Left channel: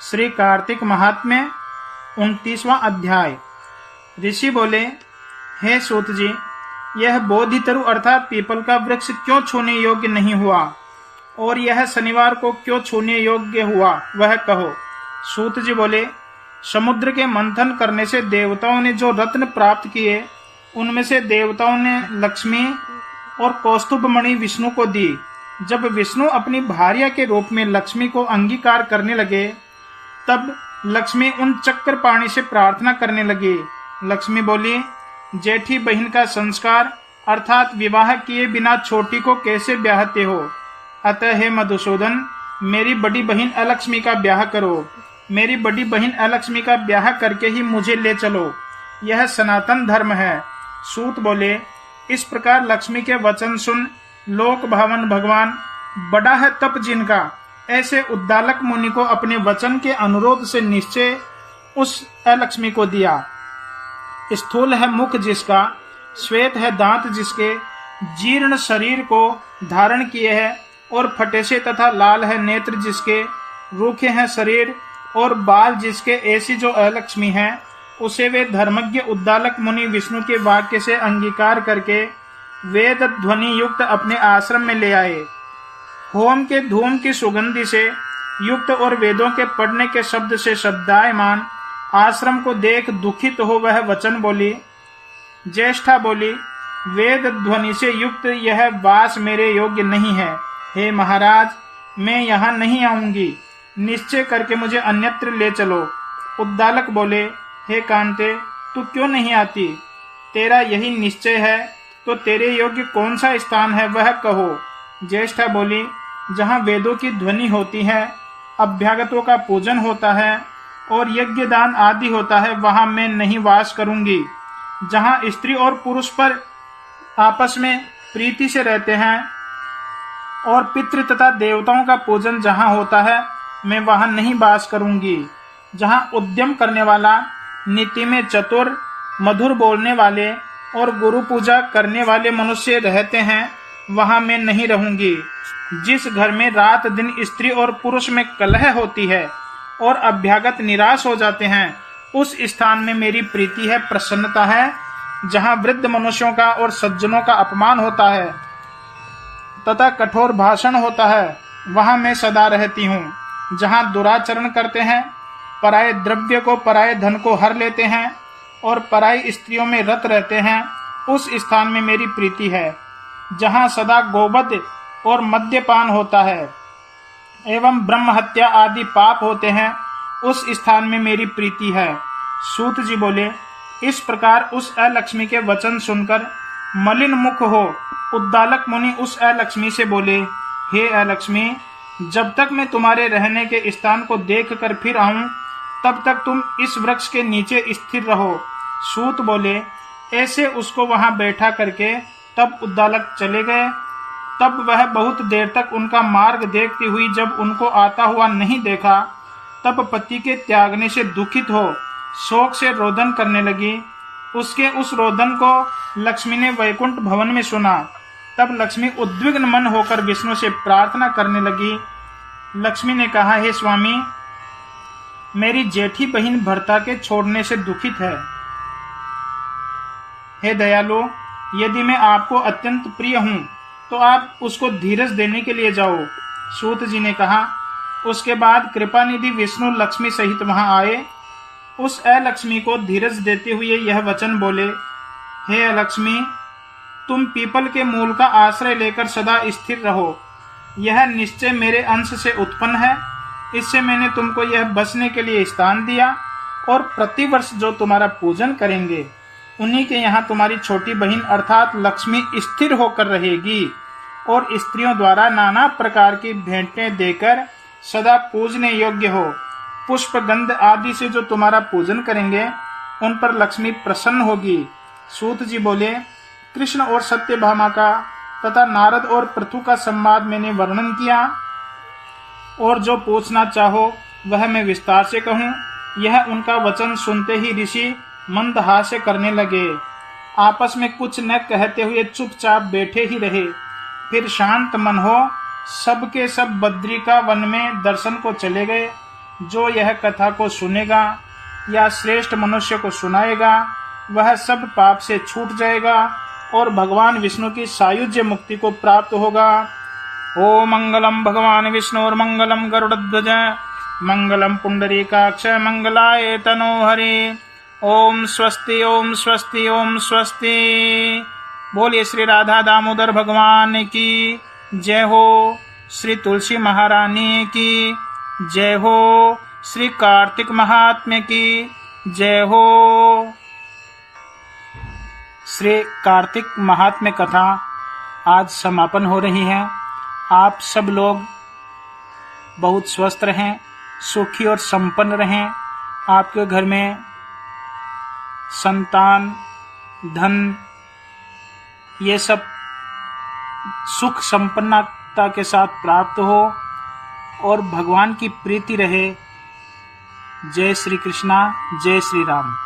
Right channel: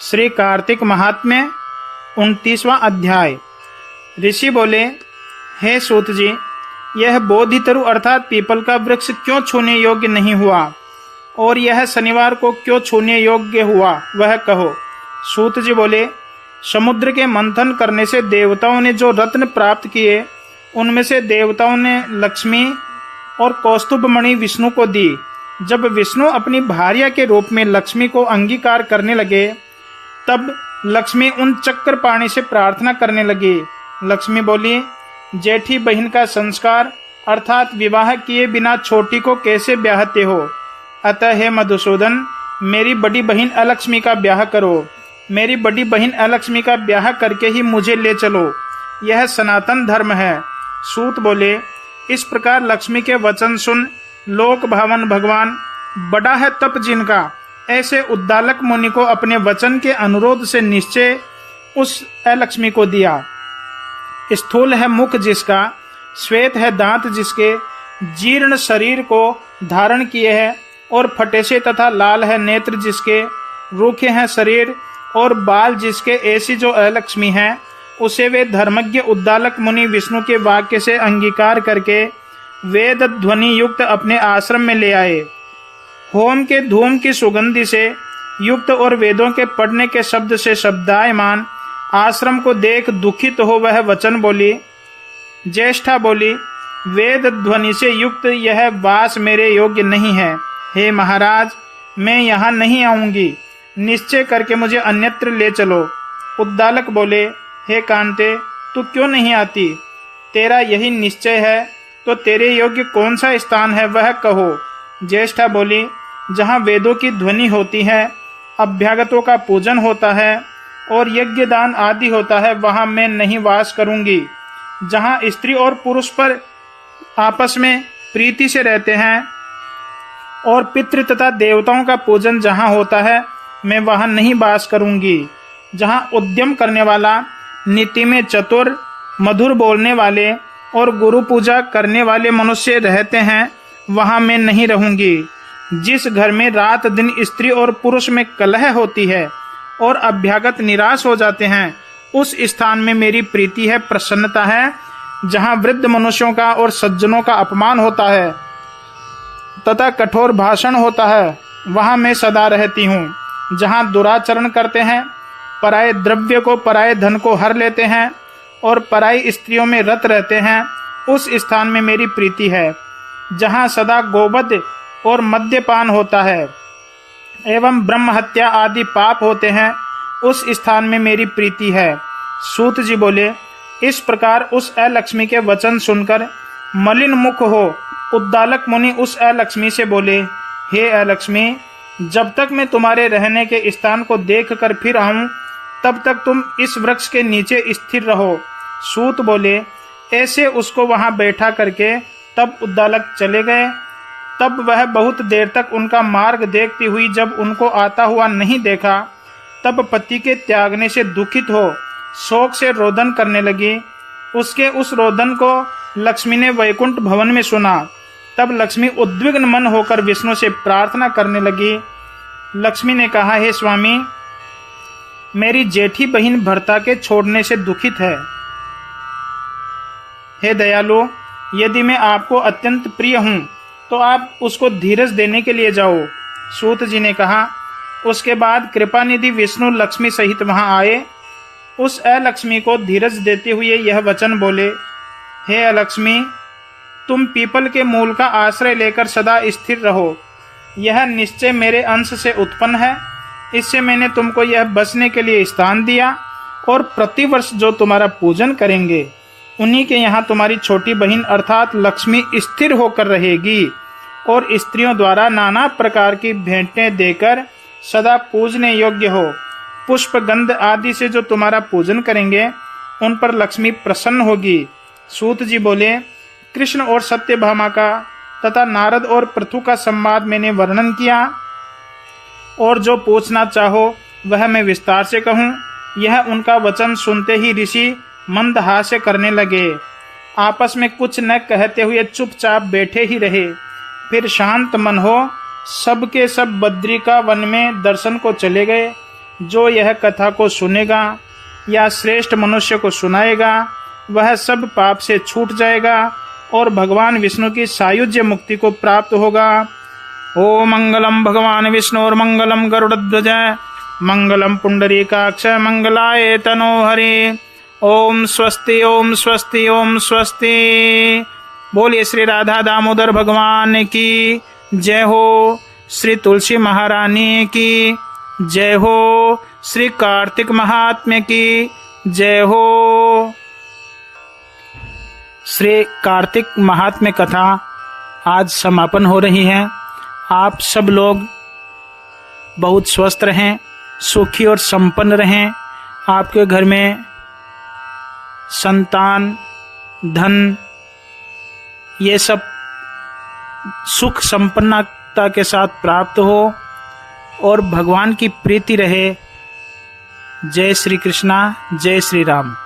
श्री कार्तिक महात्म्य 29वां अध्याय। ऋषि बोले, हे सूत जी, यह बोधितरु अर्थात पीपल का वृक्ष क्यों छूने योग्य नहीं हुआ और यह शनिवार को क्यों छूने योग्य हुआ, वह कहो। सूत जी बोले, समुद्र के मंथन करने से देवताओं ने जो रत्न प्राप्त किए, उनमें से देवताओं ने लक्ष्मी और कौस्तुभ मणि विष्णु को दी। जब विष्णु अपनी भार्या के रूप में लक्ष्मी को अंगीकार करने लगे, तब लक्ष्मी उन चक्रपाणी से प्रार्थना करने लगी। लक्ष्मी बोली, जेठी बहन का संस्कार अर्थात विवाह किए बिना छोटी को कैसे ब्याहते हो? अतः हे मधुसूदन, मेरी बड़ी बहन अलक्ष्मी का ब्याह करो। मेरी बड़ी बहन अलक्ष्मी का ब्याह करके ही मुझे ले चलो, यह सनातन धर्म है। सूत बोले, इस प्रकार लक्ष्मी के वचन सुन लोक भावन भगवान, बड़ा है तप जिनका, ऐसे उद्दालक मुनि को अपने वचन के अनुरोध से निश्चय उस अलक्ष्मी को दिया। स्थूल है मुख जिसका, श्वेत है दांत जिसके, जीर्ण शरीर को धारण किए है और फटे से तथा लाल है नेत्र जिसके, रूखे हैं शरीर और बाल जिसके, ऐसी जो अलक्ष्मी है, उसे वे धर्मज्ञ उद्दालक मुनि विष्णु के वाक्य से अंगीकार करके वेद ध्वनि युक्त अपने आश्रम में ले आए। होम के धूम की सुगंधि से युक्त और वेदों के पढ़ने के शब्द से शब्दायमान आश्रम को देख दुखित हो वह वचन बोली। ज्येष्ठा बोली, वेद ध्वनि से युक्त यह वास मेरे योग्य नहीं है। हे महाराज, मैं यहाँ नहीं आऊंगी, निश्चय करके मुझे अन्यत्र ले चलो। उद्दालक बोले, हे कांते, तू क्यों नहीं आती? तेरा यही निश्चय है तो तेरे योग्य कौन सा स्थान है, वह कहो। ज्येष्ठा बोली, जहाँ वेदों की ध्वनि होती है, अभ्यागतों का पूजन होता है और यज्ञ दान आदि होता है, वहां मैं नहीं वास करूंगी। जहाँ स्त्री और पुरुष पर आपस में प्रीति से रहते हैं और पितृ तथा देवताओं का पूजन जहाँ होता है, मैं वहां नहीं वास करूंगी। जहाँ उद्यम करने वाला, नीति में चतुर, मधुर बोलने वाले और गुरु पूजा करने वाले मनुष्य रहते हैं, वहां मैं नहीं रहूंगी। जिस घर में रात दिन स्त्री और पुरुष में कलह होती है और अभ्यागत निराश हो जाते हैं, उस स्थान में मेरी प्रीति है, प्रसन्नता है। जहां वृद्ध मनुष्यों का और सज्जनों का अपमान होता है तथा कठोर भाषण होता है, वहां मैं सदा रहती हूँ। जहां दुराचरण करते हैं, पराये द्रव्य को, पराये धन को हर लेते हैं और पराई स्त्रियों में रत रहते हैं, उस स्थान में मेरी प्रीति है। जहाँ सदा गोवध और मद्यपान होता है एवं ब्रह्म हत्या आदि पाप होते हैं, उस स्थान में मेरी प्रीति है। सूत जी बोले, इस प्रकार उस अलक्ष्मी के वचन सुनकर मलिन मुख हो उद्दालक मुनि उस अलक्ष्मी से बोले, हे अलक्ष्मी, जब तक मैं तुम्हारे रहने के स्थान को देख कर फिर आऊं, तब तक तुम इस वृक्ष के नीचे स्थिर रहो। सूत बोले, ऐसे उसको वहां बैठा करके तब उद्दालक चले गए। तब वह बहुत देर तक उनका मार्ग देखती हुई जब उनको आता हुआ नहीं देखा, तब पति के त्यागने से दुखित हो शोक से रोदन करने लगी। उसके उस रोदन को लक्ष्मी ने वैकुंठ भवन में सुना। तब लक्ष्मी उद्विग्न मन होकर विष्णु से प्रार्थना करने लगी। लक्ष्मी ने कहा, हे स्वामी, मेरी जेठी बहन भर्ता के छोड़ने से दुखित है। हे दयालु, यदि मैं आपको अत्यंत प्रिय हूं तो आप उसको धीरज देने के लिए जाओ। सूत जी ने कहा। उसके बाद कृपानिधि विष्णु लक्ष्मी सहित वहां आए। उस अलक्ष्मी को धीरज देते हुए यह वचन बोले, हे अलक्ष्मी, तुम पीपल के मूल का आश्रय लेकर सदा स्थिर रहो। यह निश्चय मेरे अंश से उत्पन्न है। इससे मैंने तुमको यह बसने के लिए स्थान दिया और प्रतिवर्ष जो तुम्हारा पूजन करेंगे, उन्हीं के यहाँ तुम्हारी छोटी बहन अर्थात लक्ष्मी स्थिर होकर रहेगी और स्त्रियों द्वारा नाना प्रकार की भेंटें देकर सदा पूजने योग्य हो। पुष्प गंध आदि से जो तुम्हारा पूजन करेंगे, उन पर लक्ष्मी प्रसन्न होगी। सूत जी बोले, कृष्ण और सत्यभामा का तथा नारद और पृथु का संवाद मैंने वर्णन किया और जो पूछना चाहो वह मैं विस्तार से कहूँ। यह उनका वचन सुनते ही ऋषि मंद हास्य करने लगे। आपस में कुछ न कहते हुए चुपचाप बैठे ही रहे। फिर शांत मन हो सबके सब बद्रिका वन में दर्शन को चले गए। जो यह कथा को सुनेगा या श्रेष्ठ मनुष्य को सुनाएगा वह सब पाप से छूट जाएगा और भगवान विष्णु की सायुज्य मुक्ति को प्राप्त होगा। ओम मंगलम भगवान विष्णु और मंगलम गरुड़ध्वज मंगलम पुंडरीकाक्ष मंगलाय तनोहरि। ओम स्वस्ति ओम स्वस्ति ओम स्वस्ति। बोलिए श्री राधा दामोदर भगवान की जय हो, श्री तुलसी महारानी की जय हो, श्री कार्तिक महात्म्य की जय हो। श्री कार्तिक महात्म्य कथा आज समापन हो रही है। आप सब लोग बहुत स्वस्थ रहें, सुखी और संपन्न रहें। आपके घर में संतान, धन, ये सब सुख संपन्नता के साथ प्राप्त हो और भगवान की प्रीति रहे। जय श्री कृष्णा, जय श्री राम।